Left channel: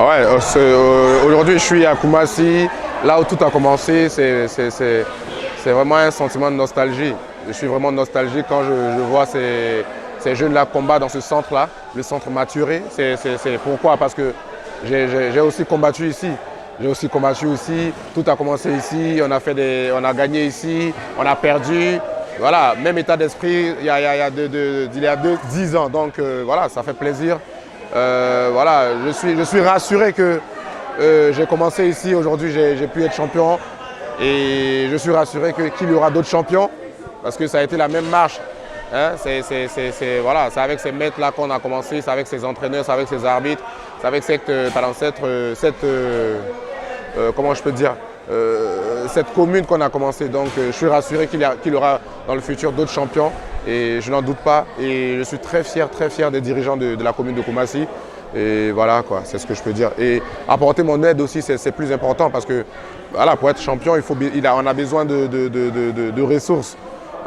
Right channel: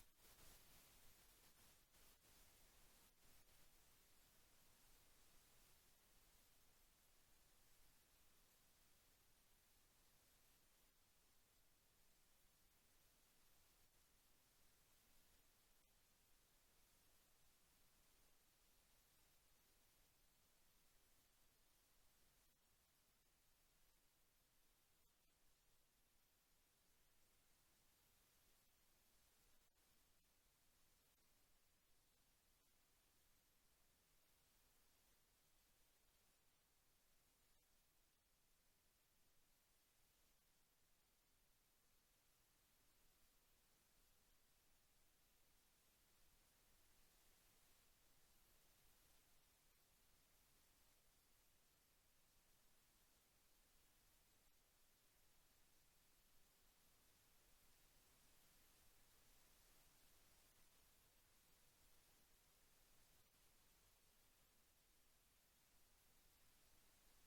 Ouais, aujourd'hui je suis à Koumassi, là où tout a commencé, c'est vraiment un sentiment de nostalgie. Je suis vraiment nostalgique quand je vois ces jeunes-là combattre dans ce centre-là, le centre Maturé. C'est pourquoi? Parce que j'ai aussi combattu ici. J'ai aussi combattu ici, tout a commencé ici, on a gagné ici, on a perdu. Voilà, même état d'esprit il y a 10 ans, donc voilà, ça fait plaisir. Voilà, je suis rassuré que j'ai commencé ici, aujourd'hui j'ai pu être champion et je suis rassuré qu'il y aura d'autres champions parce que ça a été la même marche. Hein, voilà, c'est avec ces maîtres-là qu'on a commencé, c'est avec ces entraîneurs, c'est avec ces arbitres, c'est avec comment je peux dire, cette commune qu'on a commencé. Donc je suis rassuré qu'il y aura dans le futur d'autres champions et je n'en doute pas. Et je suis très fier des dirigeants de la commune de Koumassi. Et voilà, quoi, c'est ce que je peux dire. Et apporter mon aide aussi, c'est plus important parce que voilà, pour être champion, on a besoin de ressources.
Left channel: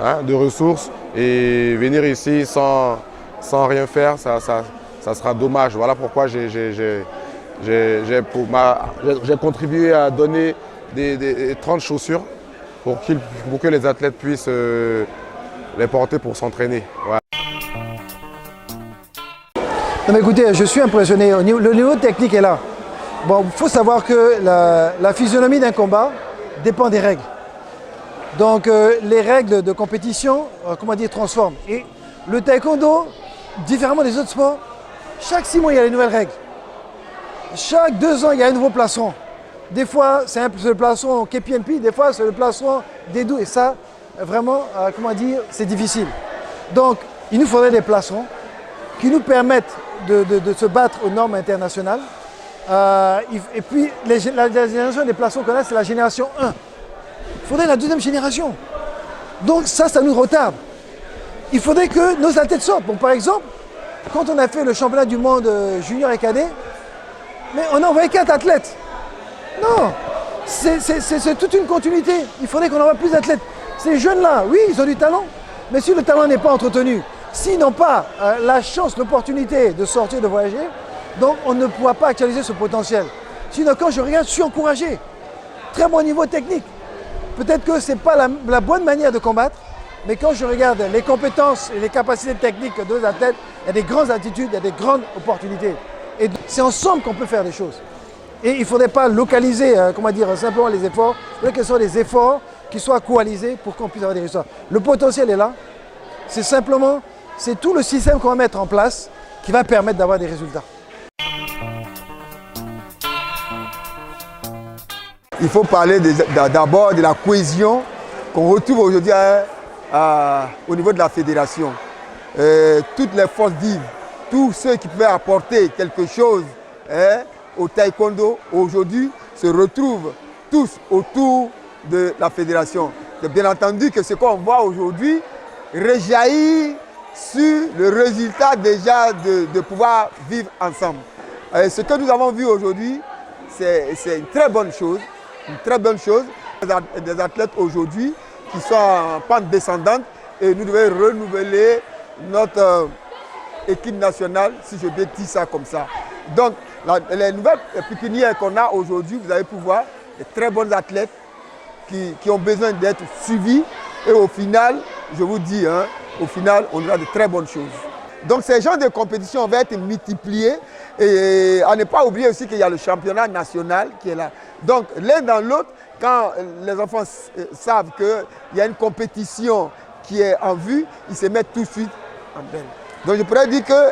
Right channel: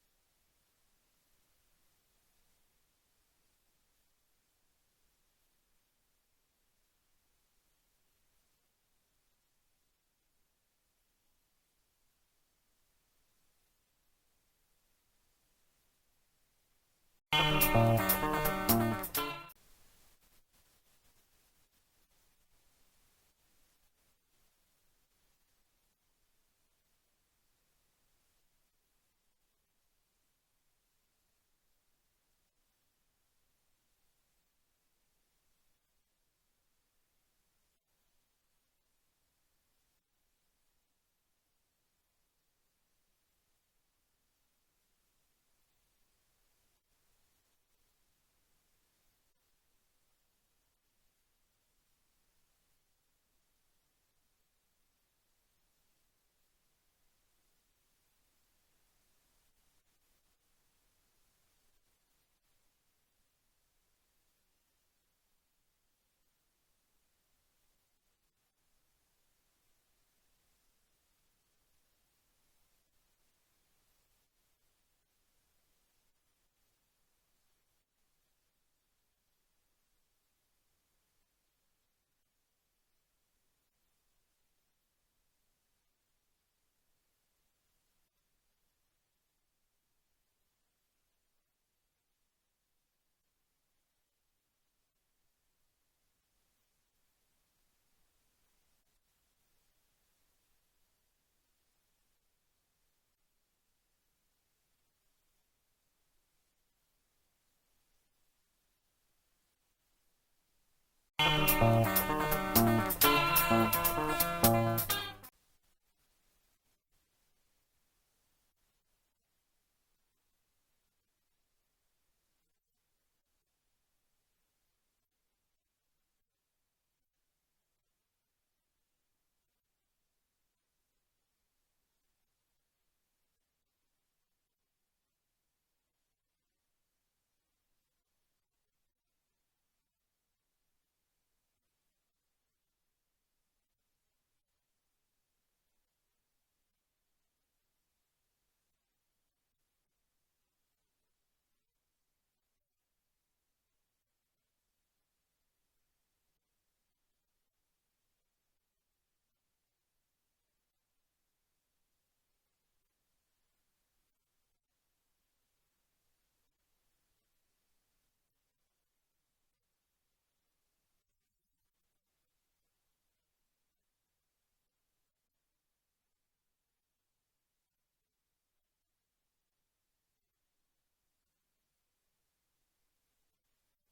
Hein, de ressources et venir ici sans rien faire, ça sera dommage. Voilà pourquoi j'ai contribué à donner des 30 chaussures pour que les athlètes puissent les porter pour s'entraîner. Voilà. Non mais écoutez, je suis impressionné. Le niveau technique est là. Bon, il faut savoir que la physionomie d'un combat dépend des règles. Donc les règles de compétition, transforment. Et le taekwondo, différemment des autres sports, chaque 6 mois, il y a les nouvelles règles. Chaque 2 ans, il y a un nouveau plastron. Des fois, c'est le plastron KPNP, des fois, c'est le plastron Dédou. Et ça, vraiment, c'est difficile. Donc, il nous faudrait des plastrons qui nous permettent de se battre aux normes internationales. Et puis, la génération des plastrons qu'on a, c'est la génération 1. Il faudrait la 2e génération. Donc ça nous retarde. Il faudrait que nos athlètes sortent. Bon, par exemple, quand on a fait le championnat du monde junior et cadet, mais on a envoyé 4 athlètes. Non, c'est toute une continuité. Il faudrait qu'on envoie plus d'athlètes. Ces jeunes-là, oui, ils ont du talent, mais si le talent n'est pas entretenu, s'ils n'ont pas la chance, l'opportunité de sortir, de voyager, donc on ne pourra pas actualiser ce potentiel. Sinon, quand je regarde, je suis encouragé. Très bon niveau technique. Peut-être que ce n'est pas la bonne manière de combattre, mais quand je regarde les compétences et les capacités techniques de nos athlètes, il y a des grandes attitudes, il y a des grandes opportunités. Et c'est ensemble qu'on peut faire des choses. Et il ne faudrait pas localiser, simplement les efforts. Il faudrait que ce soit des efforts qui soient coalisés pour qu'on puisse avoir des résultats. Le potentiel est là. C'est tout le système qu'on va mettre en place qui va permettre d'avoir des résultats. Il faut parler d'abord de la cohésion qu'on retrouve aujourd'hui au niveau de la fédération. Toutes les forces vives, tous ceux qui pouvaient apporter quelque chose au taekwondo aujourd'hui se retrouvent tous autour de la fédération. Et bien entendu que ce qu'on voit aujourd'hui rejaillit sur le résultat déjà de pouvoir vivre ensemble. Ce que nous avons vu aujourd'hui, c'est une très bonne chose. Une très bonne chose. Des athlètes aujourd'hui qui sont en pente descendante et nous devons renouveler notre équipe nationale, si je peux dire ça comme ça. Donc, les nouvelles pépinières qu'on a aujourd'hui, vous allez pouvoir, des très bons athlètes qui ont besoin d'être suivis et au final, je vous dis, au final, on aura de très bonnes choses. Donc, ces genres de compétitions vont être multipliés et à ne pas oublier aussi qu'il y a le championnat national qui est là. Donc, l'un dans l'autre, quand les enfants savent qu'il y a une compétition qui est en vue, ils se mettent tout de suite en berne. Donc, je pourrais dire que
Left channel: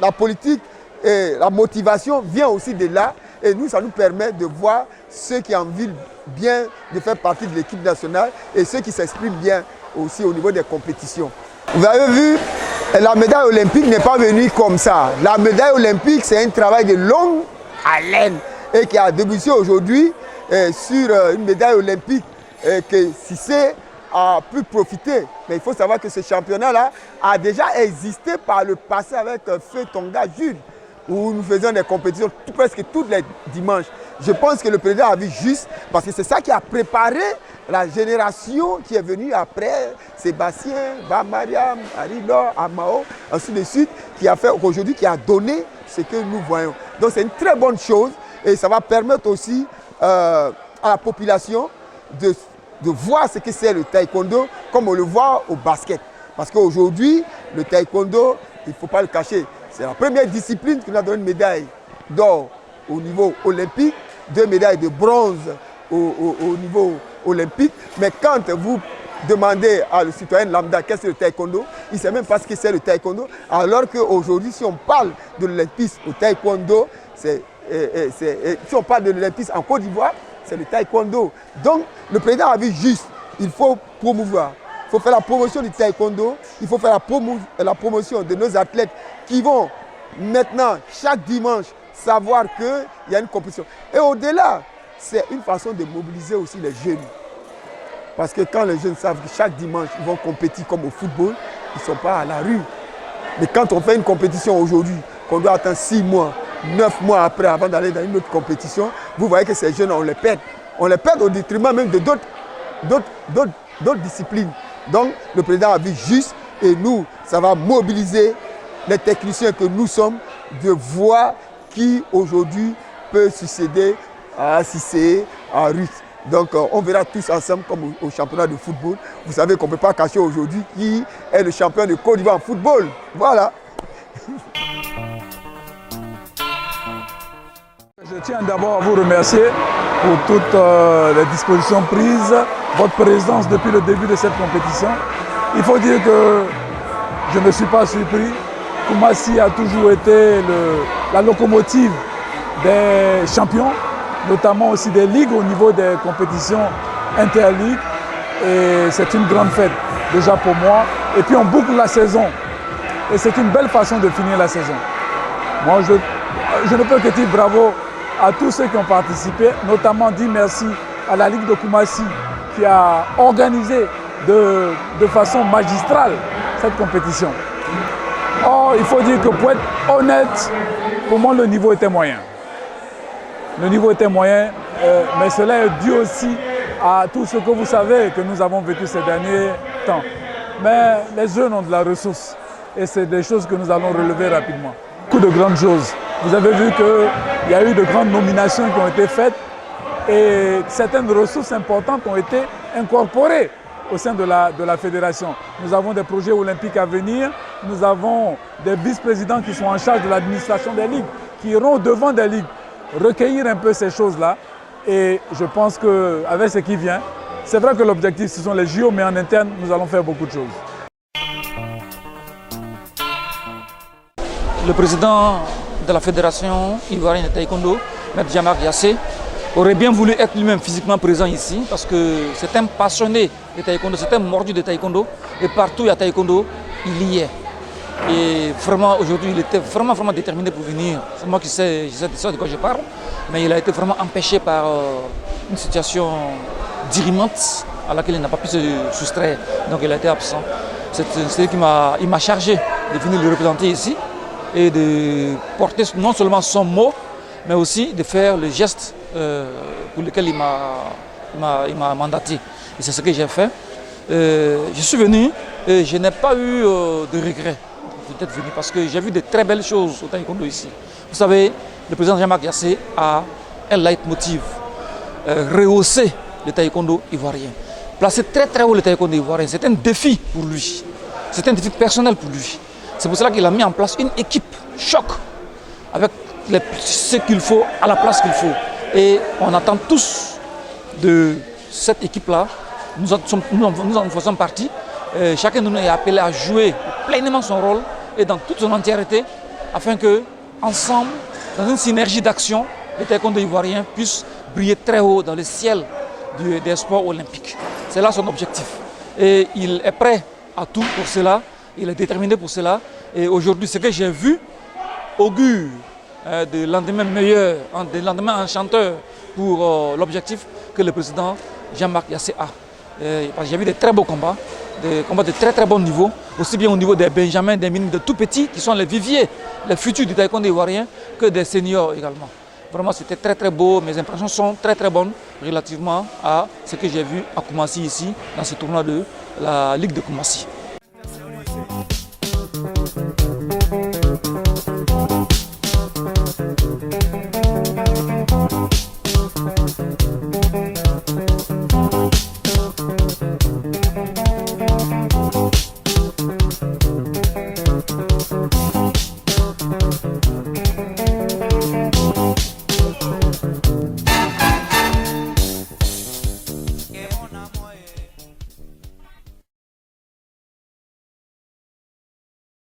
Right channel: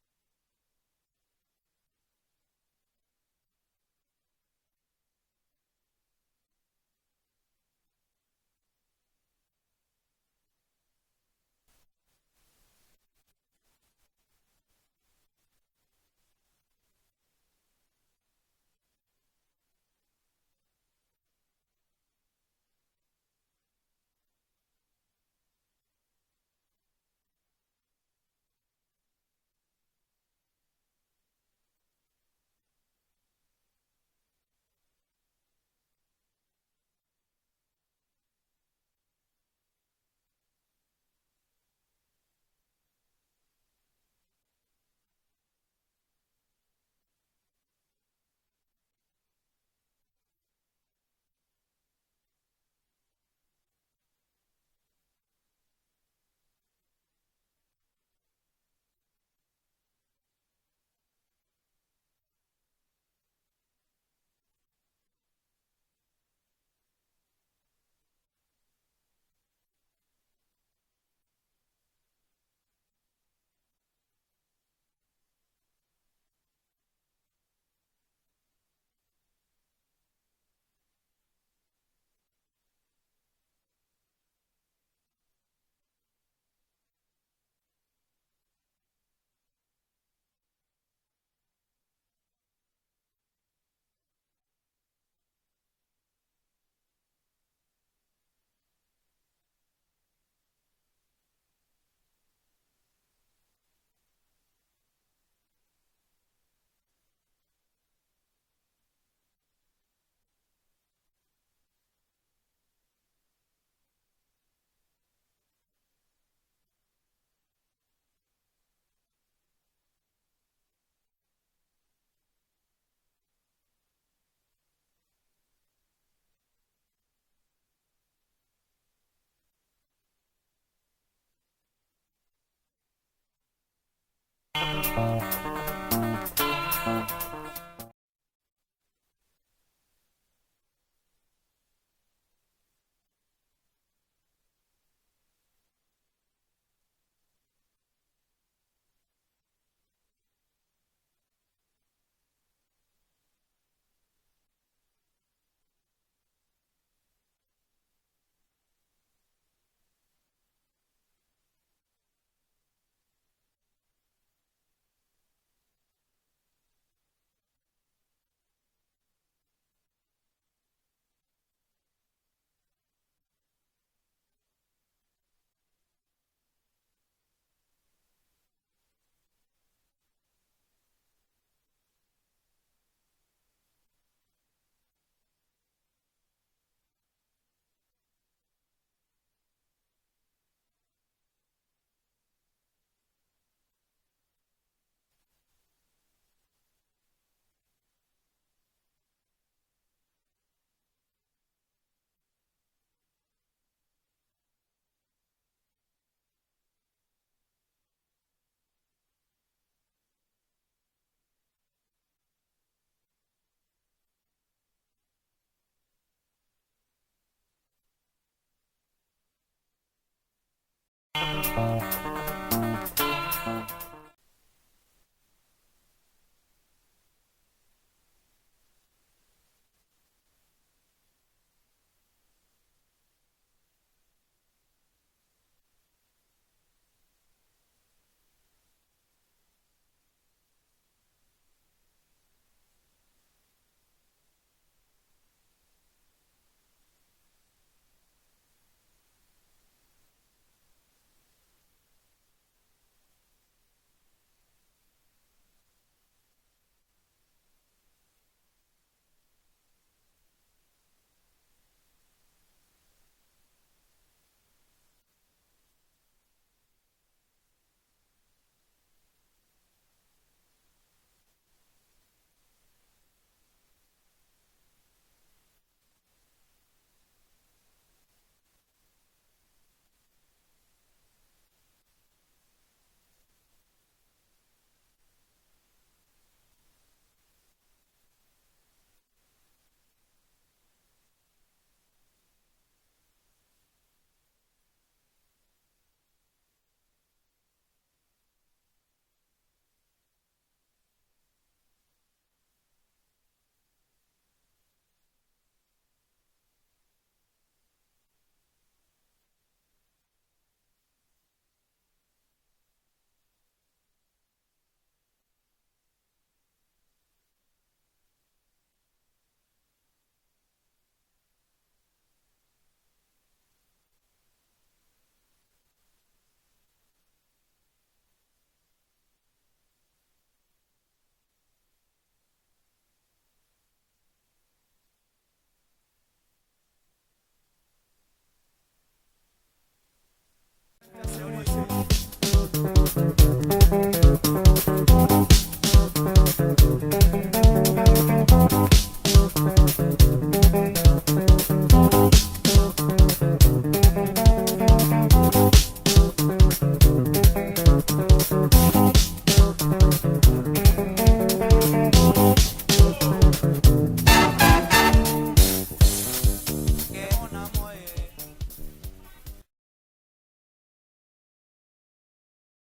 la politique et la motivation vient aussi de là. Et nous, ça nous permet de voir ceux qui ont envie bien de faire partie de l'équipe nationale et ceux qui s'expriment bien aussi au niveau des compétitions. Vous avez vu, la médaille olympique n'est pas venue comme ça. La médaille olympique, c'est un travail de longue haleine et qui a débuté aujourd'hui sur une médaille olympique que Cissé a pu profiter. Mais il faut savoir que ce championnat-là a déjà existé par le passé avec Feu Tonga Jules. où nous faisions des compétitions presque tous les dimanches. Je pense que le président a vu juste, parce que c'est ça qui a préparé la génération qui est venue après, Sébastien, Bamariam, Arilor, Amao, ainsi de suite, qui a fait aujourd'hui, qui a donné ce que nous voyons. Donc c'est une très bonne chose et ça va permettre aussi à la population de voir ce que c'est le taekwondo comme on le voit au basket. Parce qu'aujourd'hui, le taekwondo, il ne faut pas le cacher, c'est la première discipline qui nous a donné une médaille d'or au niveau olympique, 2 médailles de bronze au niveau olympique. Mais quand vous demandez à le citoyen lambda qu'est-ce que le taekwondo, il ne sait même pas ce que c'est le taekwondo. Alors qu'aujourd'hui, si on parle de l'olympisme au taekwondo, si on parle de l'olympisme en Côte d'Ivoire, c'est le taekwondo. Donc, le président a vu juste, il faut promouvoir. Il faut faire la promotion du taekwondo, il faut faire la promotion de nos athlètes qui vont maintenant, chaque dimanche, savoir qu'il y a une compétition. Et au-delà, c'est une façon de mobiliser aussi les jeunes. Parce que quand les jeunes savent que chaque dimanche, ils vont compétir comme au football, ils ne sont pas à la rue. Mais quand on fait une compétition aujourd'hui, qu'on doit attendre 6 mois, 9 mois après, avant d'aller dans une autre compétition, vous voyez que ces jeunes, on les perd. On les perd au détriment même de d'autres disciplines. Donc, le président a vu juste, et nous, ça va mobiliser les techniciens que nous sommes, de voir qui aujourd'hui peut succéder à Cissé, à Ruth. Donc on verra tous ensemble comme au championnat de football. Vous savez qu'on ne peut pas cacher aujourd'hui qui est le champion de Côte d'Ivoire en football. Voilà. Je tiens d'abord à vous remercier pour toutes les dispositions prises, votre présence depuis le début de cette compétition. Il faut dire que je ne suis pas surpris. Koumassi a toujours été la locomotive des champions, notamment aussi des ligues au niveau des compétitions interligues. Et c'est une grande fête déjà pour moi. Et puis on boucle la saison. Et c'est une belle façon de finir la saison. Moi, je ne peux que dire bravo à tous ceux qui ont participé, notamment dire merci à la Ligue de Koumassi qui a organisé de façon magistrale cette compétition. Or, il faut dire que pour être honnête, pour moi le niveau était moyen. Le niveau était moyen, mais cela est dû aussi à tout ce que vous savez que nous avons vécu ces derniers temps. Mais les jeunes ont de la ressource et c'est des choses que nous allons relever rapidement. Beaucoup de grandes choses. Vous avez vu qu'il y a eu de grandes nominations qui ont été faites et certaines ressources importantes ont été incorporées au sein de la fédération. Nous avons des projets olympiques à venir, nous avons des vice-présidents qui sont en charge de l'administration des ligues, qui iront devant des ligues, recueillir un peu ces choses-là. Et je pense qu'avec ce qui vient, c'est vrai que l'objectif ce sont les JO, mais en interne, nous allons faire beaucoup de choses. Le président de la fédération ivoirienne de taekwondo, M. Jean-Marc Yassé, aurait bien voulu être lui-même physiquement présent ici parce que c'est un passionné de taekwondo, c'est un mordu de taekwondo et partout il y a taekwondo, il y est. Et vraiment aujourd'hui il était vraiment déterminé pour venir. C'est moi qui sais de quoi je parle, mais il a été vraiment empêché par une situation dirimante à laquelle il n'a pas pu se soustraire, donc il a été absent. C'est qui m'a chargé de venir le représenter ici et de porter non seulement son mot, mais aussi de faire le geste pour lequel il m'a mandaté. Et c'est ce que j'ai fait. Je suis venu et je n'ai pas eu de regret d'être venu parce que j'ai vu de très belles choses au taekwondo ici. Vous savez, le président Jean-Marc Yassé a un leitmotiv, rehausser le taekwondo ivoirien. Placer très haut le taekwondo ivoirien, c'est un défi pour lui. C'est un défi personnel pour lui. C'est pour cela qu'il a mis en place une équipe choc avec ce qu'il faut à la place qu'il faut. Et on attend tous de cette équipe-là, nous en faisons partie. Chacun de nous est appelé à jouer pleinement son rôle et dans toute son entièreté afin que, ensemble, dans une synergie d'action, le taekwondo ivoirien puisse briller très haut dans le ciel des sports olympiques. C'est là son objectif. Et il est prêt à tout pour cela, il est déterminé pour cela. Et aujourd'hui, ce que j'ai vu augure de lendemain meilleur, de lendemain enchanteur pour l'objectif que le président Jean-Marc Yassé a. J'ai vu de très beaux combats, des combats de très très bon niveau, aussi bien au niveau des benjamins, des minimes, de tout petits, qui sont les viviers, les futurs du taekwondo ivoirien, que des seniors également. Vraiment, c'était très très beau, mes impressions sont très très bonnes relativement à ce que j'ai vu à Koumassi ici, dans ce tournoi de la Ligue de Koumassi.